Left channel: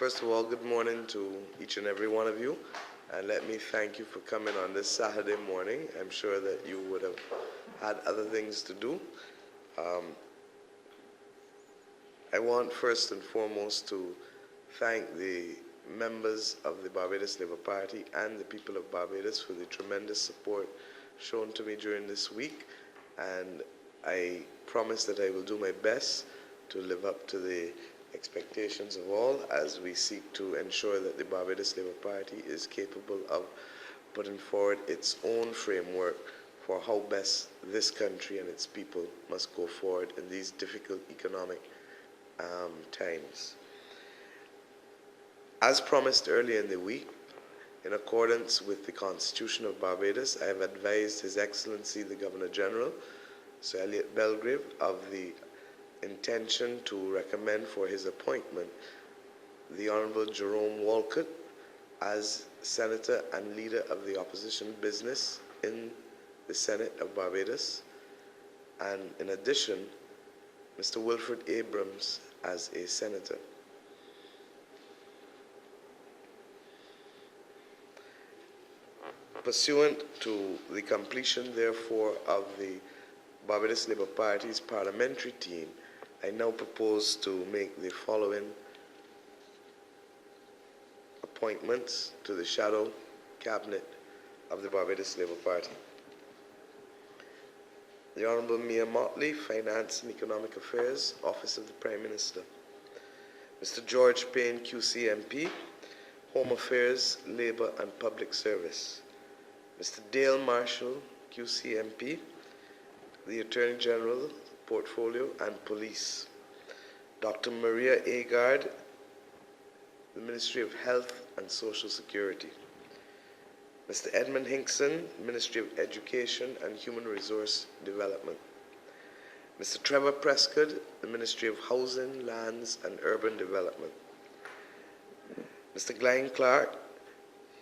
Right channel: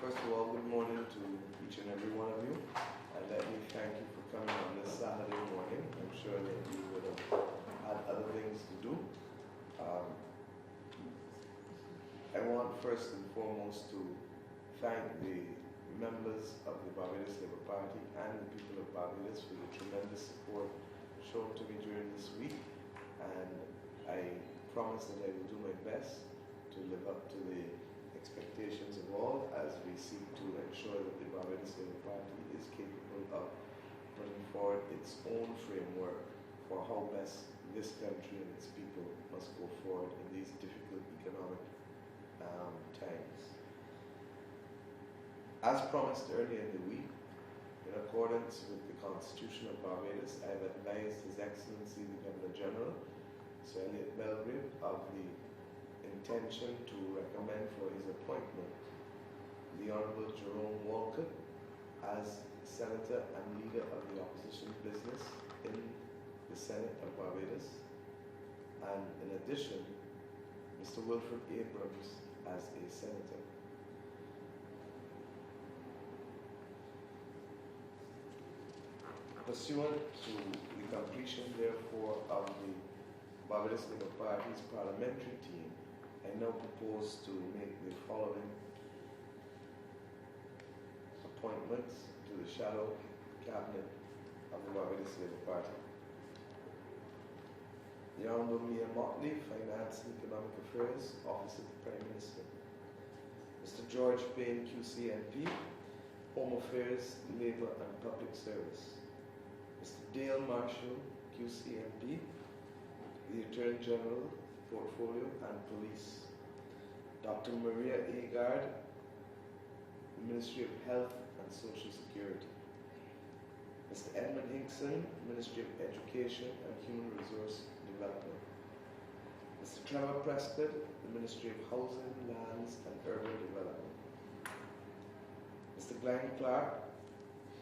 First of all, good morning to each and every one of you. And let me thank you for coming on this Saturday morning. I'm sure that you would have had other things to do. I want first and foremost to thank the members of the Barbados Labour Party and the people of Barbados for the tremendous support shown to me during this week. And I promise that I will do my best to live up to the expectations of all as we seek to ensure that the Barbados Labour Party is capable of putting forward its own framework for how best this country and its people must go forward in these difficult economic times. As promised earlier in the week, in accordance with the Constitution of Barbados, I have advised His Excellency the Governor-General, Sir Elliot Belgrave, of the intention to recommend for his appointment the Honourable Jerome Walcott as Senator and Leader of the Opposition Business in the Senate of Barbados, and in addition, Mr. Wilfred Abrams as a Senator. Pursuant to the completion, therefore, of the Barbados Labour Party's parliamentary team, I now propose to make the following appointments to the shadow cabinet of the Barbados Labour Party. The Honourable Mayor Mottley, Finance and Economic Affairs, Office of the Prime Minister. Mr. George Payne, QC MP, Home Affairs, Labour and Public Service. Mr. Dale Marshall, QC MP, the Attorney General, Portfolio and Police. Dr. Maria Agard, the Ministry of Health and Social Security. Mr. Edmund Hinkson, Ministry of Education and Human Resource Development. Mr. Trevor Prescott, the Ministry of Housing, Lands and Urban Development. Mr. Glenn Clark,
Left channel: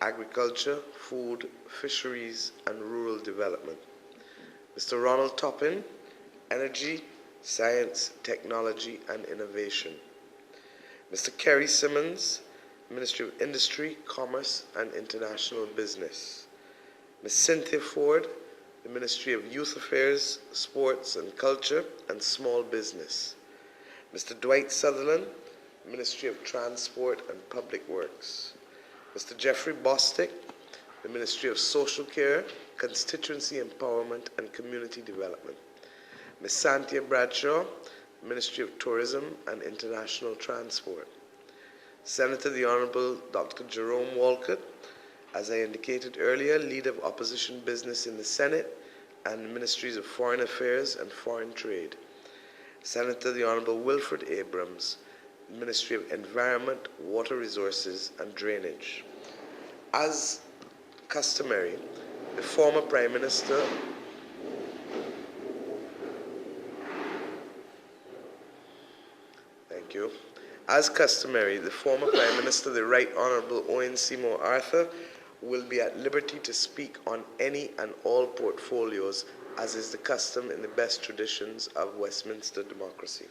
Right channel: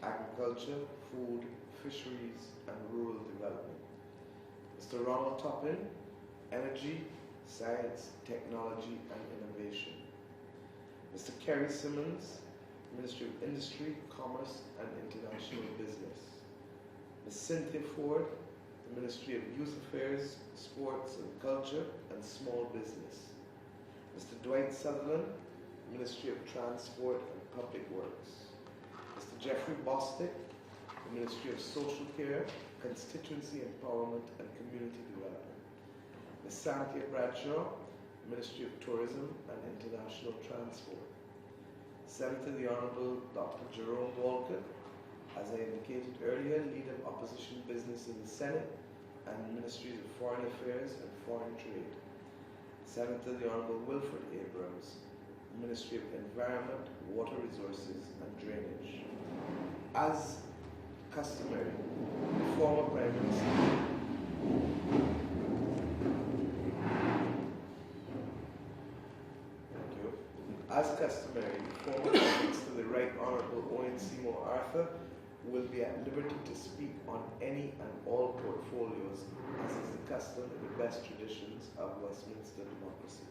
Agriculture, Food, Fisheries and Rural Development. Mr. Ronald Toppin, Energy, Science, Technology and Innovation. Mr. Kerry Simmons, Ministry of Industry, Commerce and International Business. Ms. Cynthia Ford, the Ministry of Youth Affairs, Sports and Culture and Small Business. Mr. Dwight Sutherland, Ministry of Transport and Public Works. Mr. Jeffrey Bostick, the Ministry of Social Care, Constituency Empowerment and Community Development. Ms. Santia Bradshaw, Ministry of Tourism and International Transport. Senator the Honourable Dr. Jerome Walcott, as I indicated earlier, Leader of Opposition Business in the Senate and Ministries of Foreign Affairs and Foreign Trade. Senator the Honourable Wilfred Abrams, Ministry of Environment, Water Resources and Drainage. As customary, the former Prime Minister As customary, the former Prime Minister, the Right Honourable Owen Seymour Arthur, will be at liberty to speak on any and all portfolios, as is the custom in the best traditions of Westminster democracy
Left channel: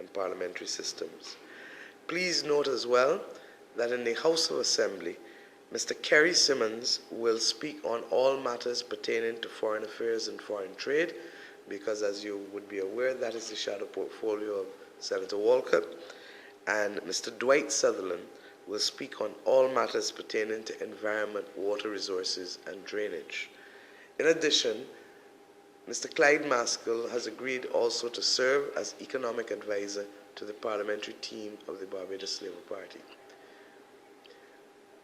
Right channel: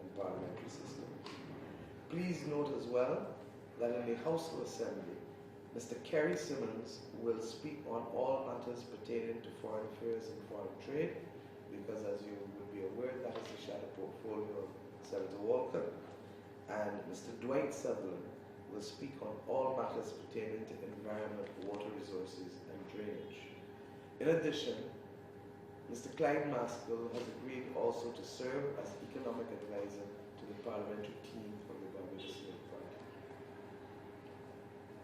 and parliamentary systems. Please note as well that in the House of Assembly, Mr. Kerry Simmons will speak on all matters pertaining to foreign affairs and foreign trade, because as you would be aware, that is the shadow portfolio of Senator Walcott. And Mr. Dwight Sutherland will speak on all matters pertaining to environment, water resources, and drainage. In addition, Mr. Clyde Maskell has agreed also to serve as economic advisor to the parliamentary team of the Barbados Labour Party.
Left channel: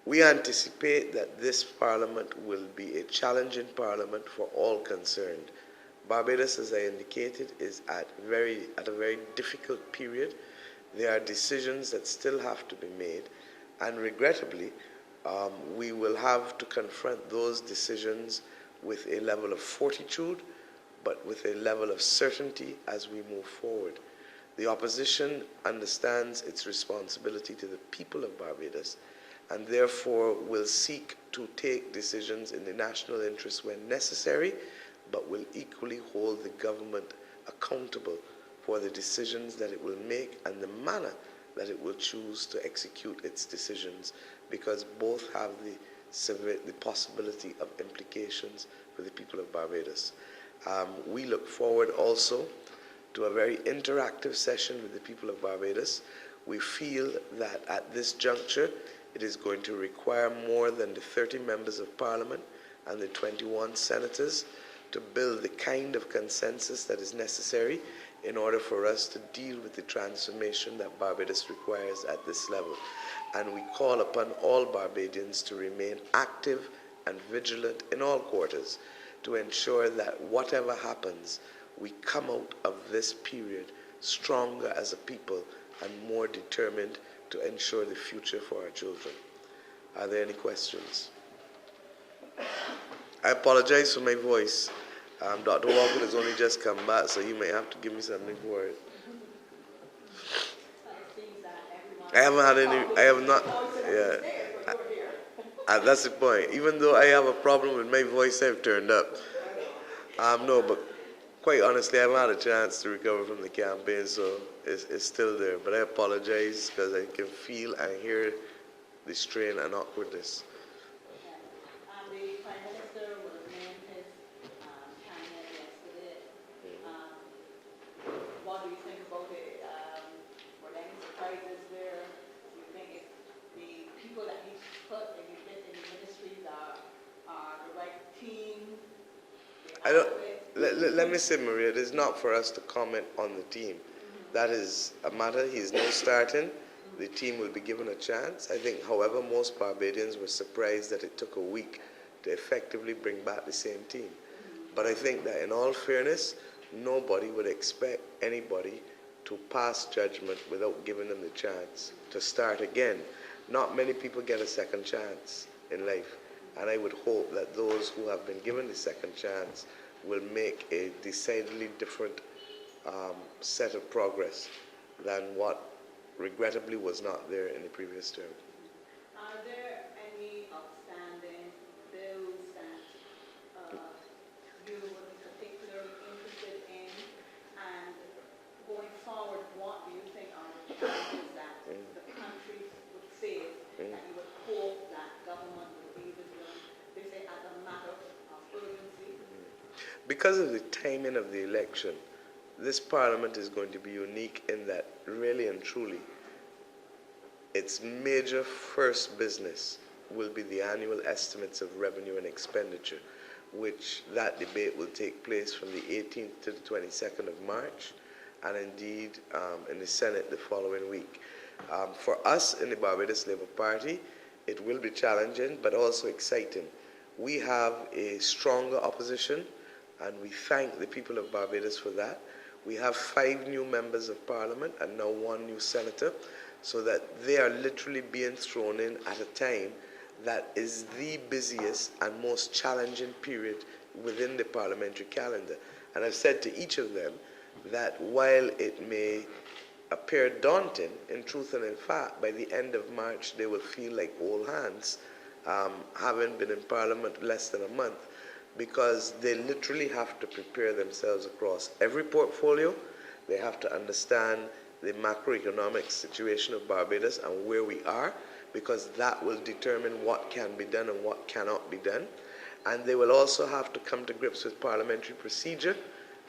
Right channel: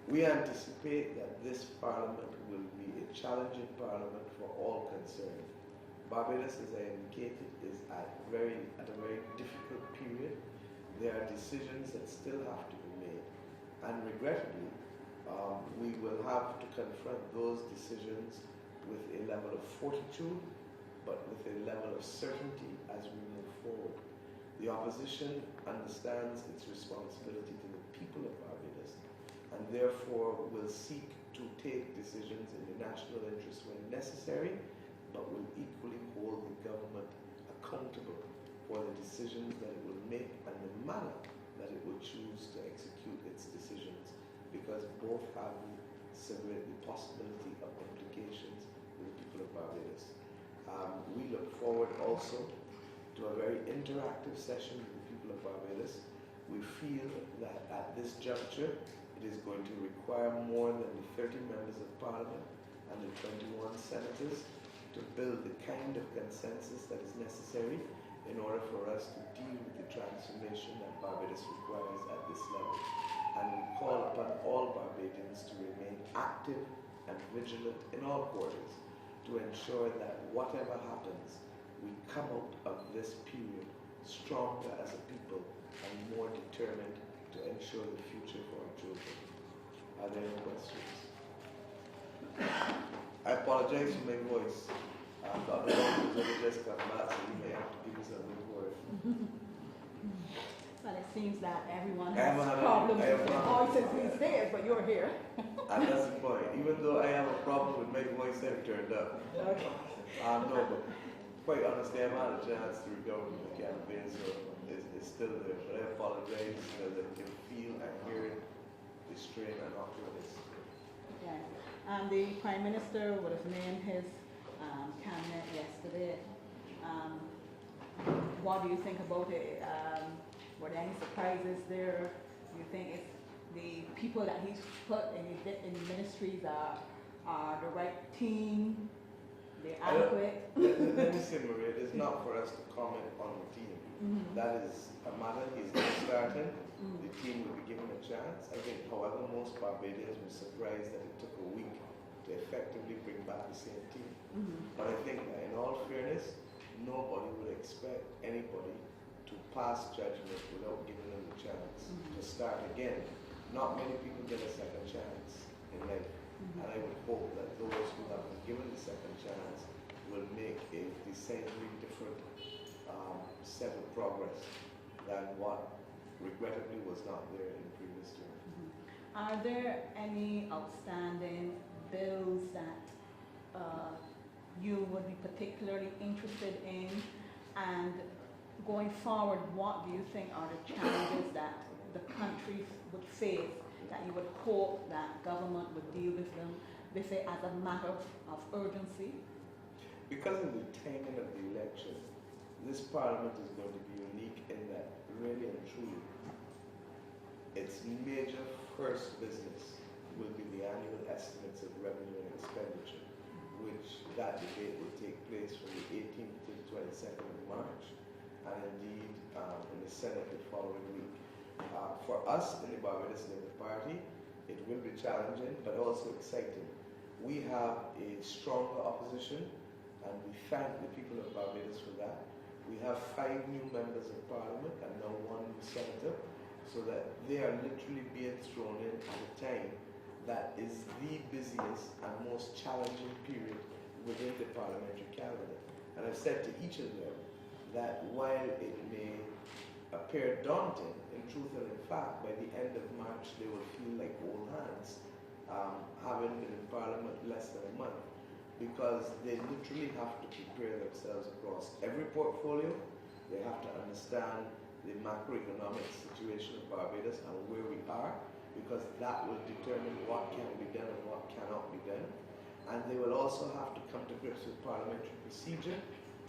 We anticipate that this parliament will be a challenging parliament for all concerned. Barbados, as I indicated, is at a very difficult period. There are decisions that still have to be made, and regrettably, we will have to confront those decisions with a level of fortitude, but with a level of certainty as we move forward. The opposition understands its responsibility to the people of Barbados, and therefore will seek to take decisions in the national interest when necessary, but will equally hold the government accountable for the decisions that it will make and the manner that it will choose to execute its decisions, because both have the possibility of implications for the people of Barbados. We look forward also to a very interactive session with the people of Barbados. We feel that at this juncture, it is going to require more than the 30 members of parliament and the 21 senators to build the kind of consensus that is necessary in order for us to deal with the transformation that Barbados requires at this level. And we call upon all Barbadians to remain active and vigilant in all quarters to ensure that whatever happens, we come out of this period stronger as a people and more determined to ensure the future for our children. Are there any questions? I apologize for my voice. Dr. Walker has only just come back, so you may have to give me something for it. Well, it seems that everyone I haven't had any, I have not, yeah. but you're here. And that's the point. Even though I have a problem with my voice, I've turned up. No, but quite honestly, I haven't had a chance to recover from the campaign, so it's still there. But I apologize because I can feel and hear the strain and awkwardness. Okay. And the Prime Minister was named his cabinet yesterday. What do you think about it? Were there any surprises there? Do you think it's the people that he's put in the ministries are the right team? Let me say, Maria, it is not for us to comment on the team. That is a matter. He's no starting. The team will be given a chance. I think, however, most Barbadians were surprised that it took a week to effectively bring back the same team. But I think that in all fairness, nobody would expect anybody to pass judgment without giving them the chance to start again. Not many people get a second chance in life. And I would hope that those who have been given the second chance will make a decidedly different set of progress than what regrettably was not there in the previous term. Are there any outstanding bills that you would be particularly interested in? And going forward, what do you think are the challenges that the country would face that you would hope that government would deal with them, they say, as a matter of urgency? Because of the timing of the election, this parliament is going to be unique in that really and truly its major first business will be the annual estimates of revenue and expenditure, which that debate will take place from the 18th to the 22nd of March, and indeed in the Senate the following week. For us in the Barbados Labour Party, it will be challenging but also exciting. We have a stronger opposition, and we thank the people of Barbados for that. We have 5 new members of parliament and now 1 new senator, so that they are literally being thrown in at a time that is the busiest and most challenging period within the parliamentary calendar. And I've said to each of them that while it may appear daunting, in truth and in fact, by the end of March, they will feel like old hands, having been in Parliament less than a month, because they literally have to prepare themselves across every portfolio. They have to understand the macroeconomic situation of Barbados and where we are, because that will determine what can be done and what cannot be done. And they will also have to come to grips with parliamentary procedure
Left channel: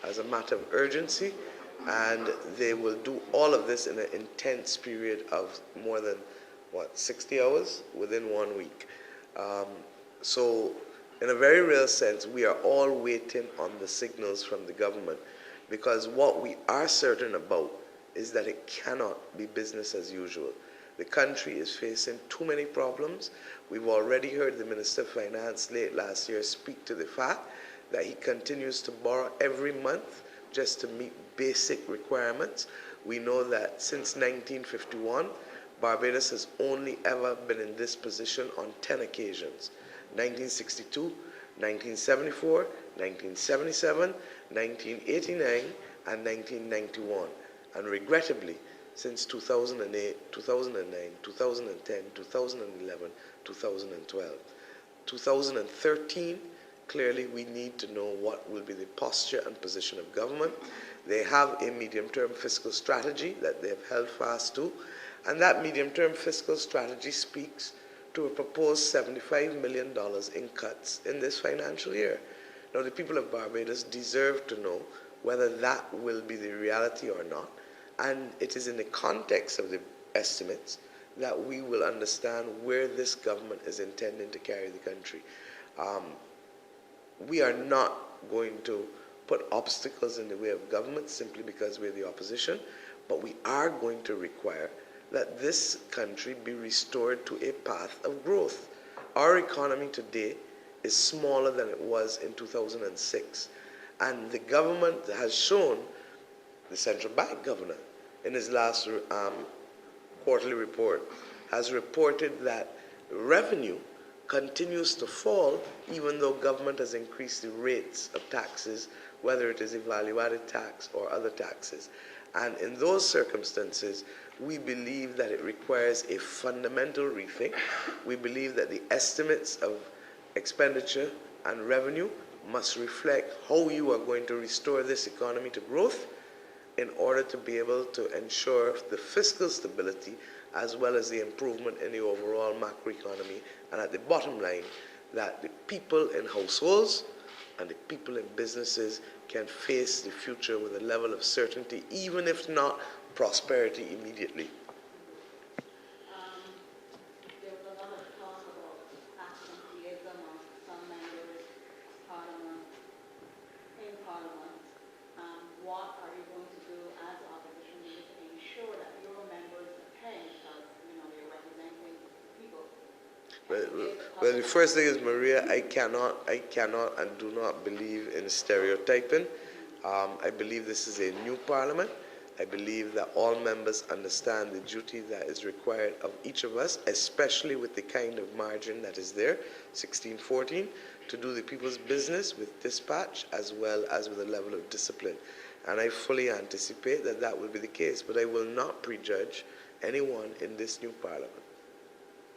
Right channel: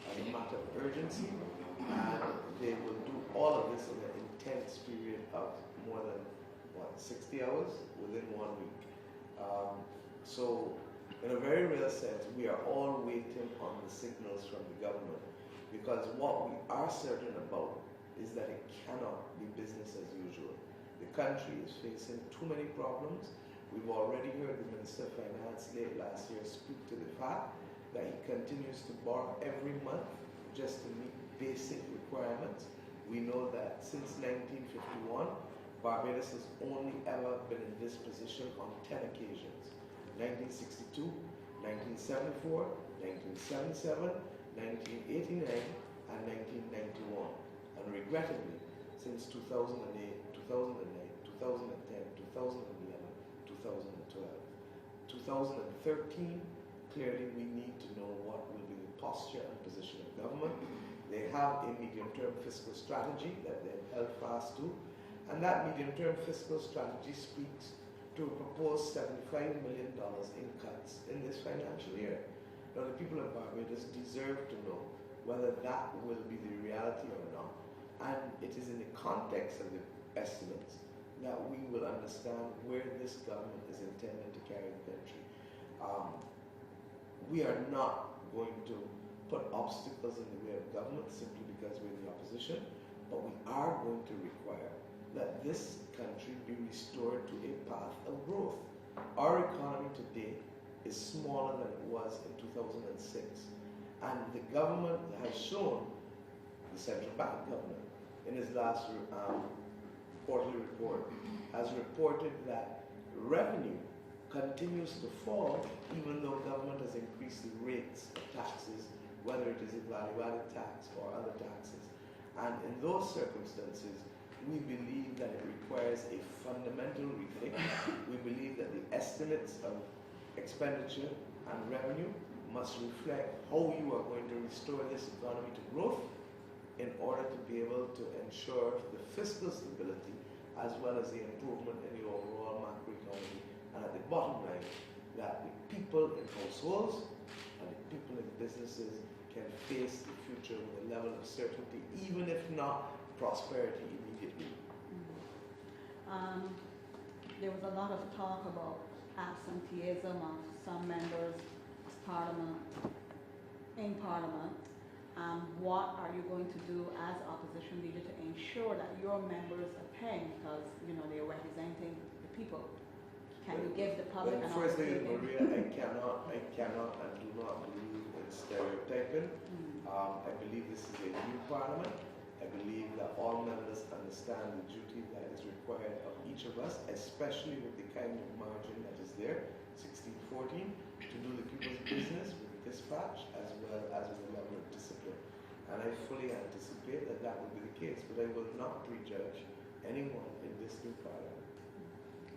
as a matter of urgency, and they will do all of this in an intense period of more than, 60 hours within 1 week. So in a very real sense, we are all waiting on the signals from the government, because what we are certain about is that it cannot be business as usual. The country is facing too many problems. We've already heard the Minister of Finance late last year speak to the fact that he continues to borrow every month just to meet basic requirements. We know that since 1951, Barbados has only ever been in this position on 10 occasions: 1962, 1974, 1977, 1989, and 1991. And regrettably, since 2008, 2009, 2010, 2011, 2012, 2013, clearly we need to know what will be the posture and position of government. They have a medium-term fiscal strategy that they have held fast to, And that medium-term fiscal strategy speaks to a proposed $75 million in cuts in this financial year. Now, the people of Barbados deserve to know whether that will be the reality or not. And it is in the context of the estimates that we will understand where this government is intending to carry the country. We are not going to put obstacles in the way of government simply because we're the opposition, but we are going to require that this country be restored to a path of growth. Our economy today is smaller than it was in 2006, and the government has shown, the central bank governor, in his last quarterly report, has reported that revenue continues to fall even though government has increased the rates of taxes, whether it is a value-added tax or other taxes. And in those circumstances, we believe that it requires a fundamental rethink. We believe that the estimates of expenditure and revenue must reflect how you are going to restore this economy to growth in order to be able to ensure the fiscal stability as well as the improvement in the overall macroeconomy. And at the bottom line, that the people in households and the people in businesses can face the future with a level of certainty, even if not prosperity immediately. There was a lot of talk about absenteeism of some members of Parliament, in Parliament. What are you going to do as opposition leader to ensure that your members attend, because they're representing the people? Well, the first thing is, Maria, I cannot and do not believe in stereotyping. I believe this is a new parliament. I believe that all members understand the duty that is required of each of us, especially with the kind of margin that is there, 16-14, to do the people's business with dispatch as well as with a level of discipline. And I fully anticipate that that will be the case, but I will not prejudge anyone in this new parliament.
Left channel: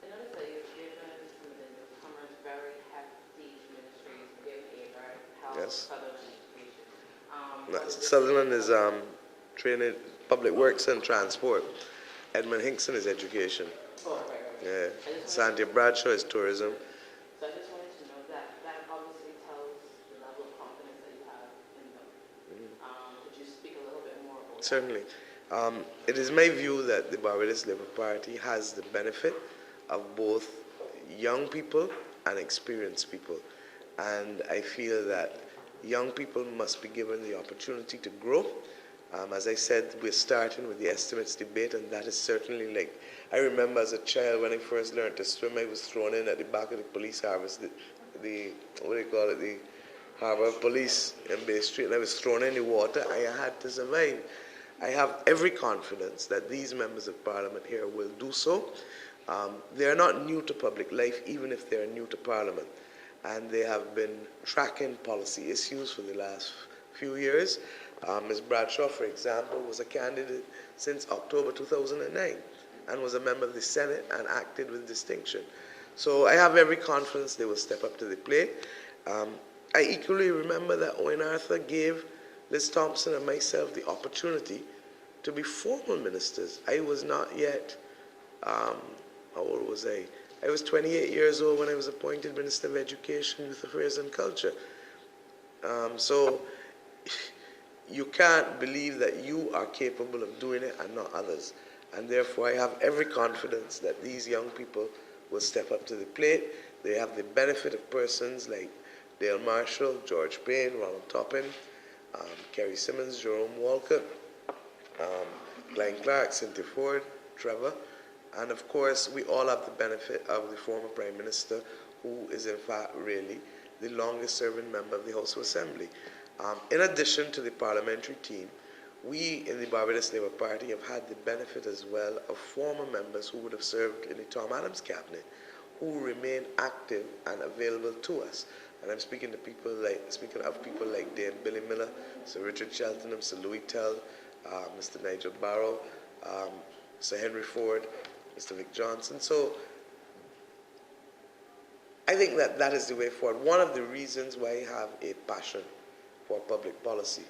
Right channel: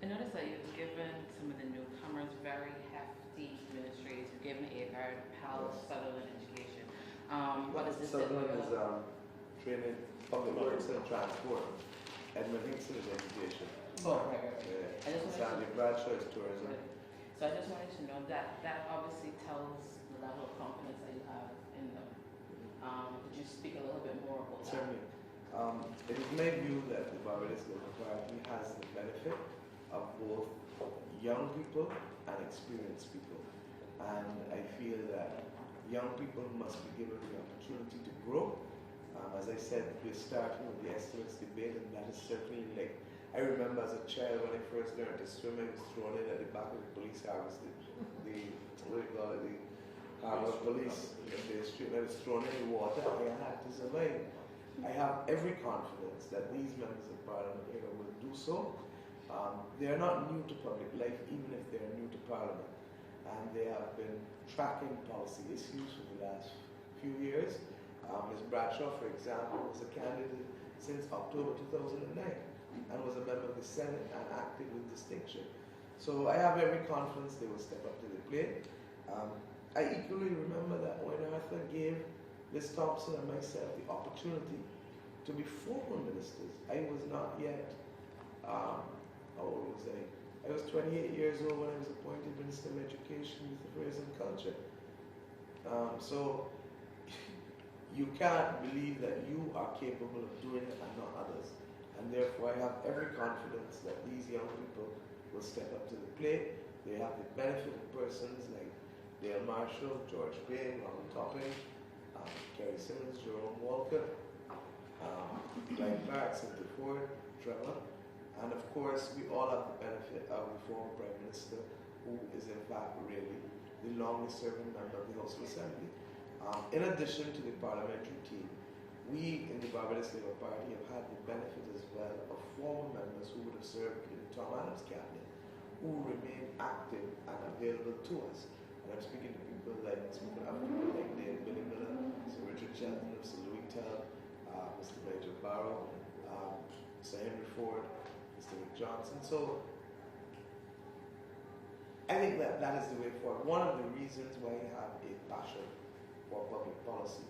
I noticed that you've given some of the newcomers very hefty ministries, given a health, Yes. Sutherland education. Sutherland is training, public works and transport. Edmund Hinkson is education. Oh, right. Yeah. Santia Bradshaw is tourism. So I just wanted to know that obviously tells the level of confidence that you have in them. Could you speak a little bit more about that? Certainly. It is my view that the Barbados Labour Party has the benefit of both young people and experienced people. And I feel that young people must be given the opportunity to grow. As I said, we're starting with the estimates debate, and that is certainly like, I remember as a child when I first learned to swim, I was thrown in at the back of the police harvest, what do you call it, the harbor police in Bay Street, and I was thrown in the water. I had to survive. I have every confidence that these members of parliament here will do so. They are not new to public life, even if they are new to parliament, and they have been tracking policy issues for the last few years. Ms. Bradshaw, for example, was a candidate since October 2009 and was a member of the Senate and acted with distinction. So I have every confidence they will step up to the plate. I equally remember that Owen Arthur gave Liz Thompson and myself the opportunity to be formal ministers. I was not yet, how old was I? I was 28 years old when I was appointed Minister of Education, Youth Affairs and Culture. So you can't believe that you are capable of doing it and not others. And therefore I have every confidence that these young people will step up to the plate. They have the benefit of persons like Dale Marshall, George Payne, Ronald Toppin, Kerry Simmons, Jerome Walker, Glenn Clark, Cynthia Ford, Trevor. And of course, we all have the benefit of the former Prime Minister, who is in fact really the longest serving member of the House of Assembly. In addition to the parliamentary team, we in the Barbados Labour Party have had the benefit as well of former members who would have served in the Tom Adams cabinet, who remain active and available to us. And I'm speaking of people like Dame Billy Miller, Sir Richard Cheltenham, Sir Louis Tell, Mr. Nigel Barrow, Sir Henry Ford, Mr. Vic Johnson. So I think that that is the way forward. One of the reasons why I have a passion for public policy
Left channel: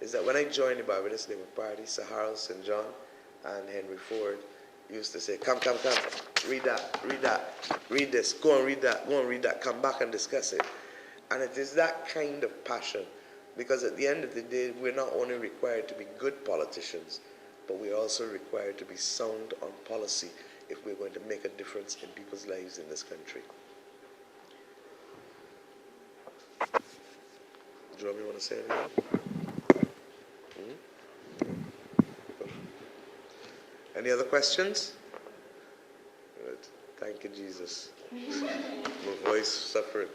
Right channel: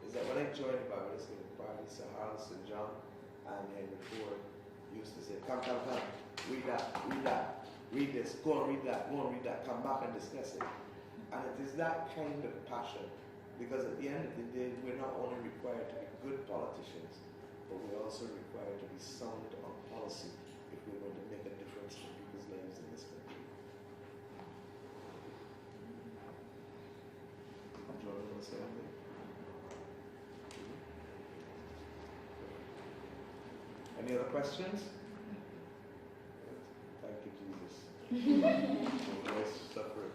is that when I joined the Barbados Labour Party, Sir Harold St. John and Henry Ford used to say, come, read that, read this, go and read that, come back and discuss it. And it is that kind of passion, because at the end of the day, we're not only required to be good politicians, but we're also required to be sound on policy if we're going to make a difference in people's lives in this country. Joe, you want to say anything? Any other questions? Good. Thank you, Jesus. My voice suffering.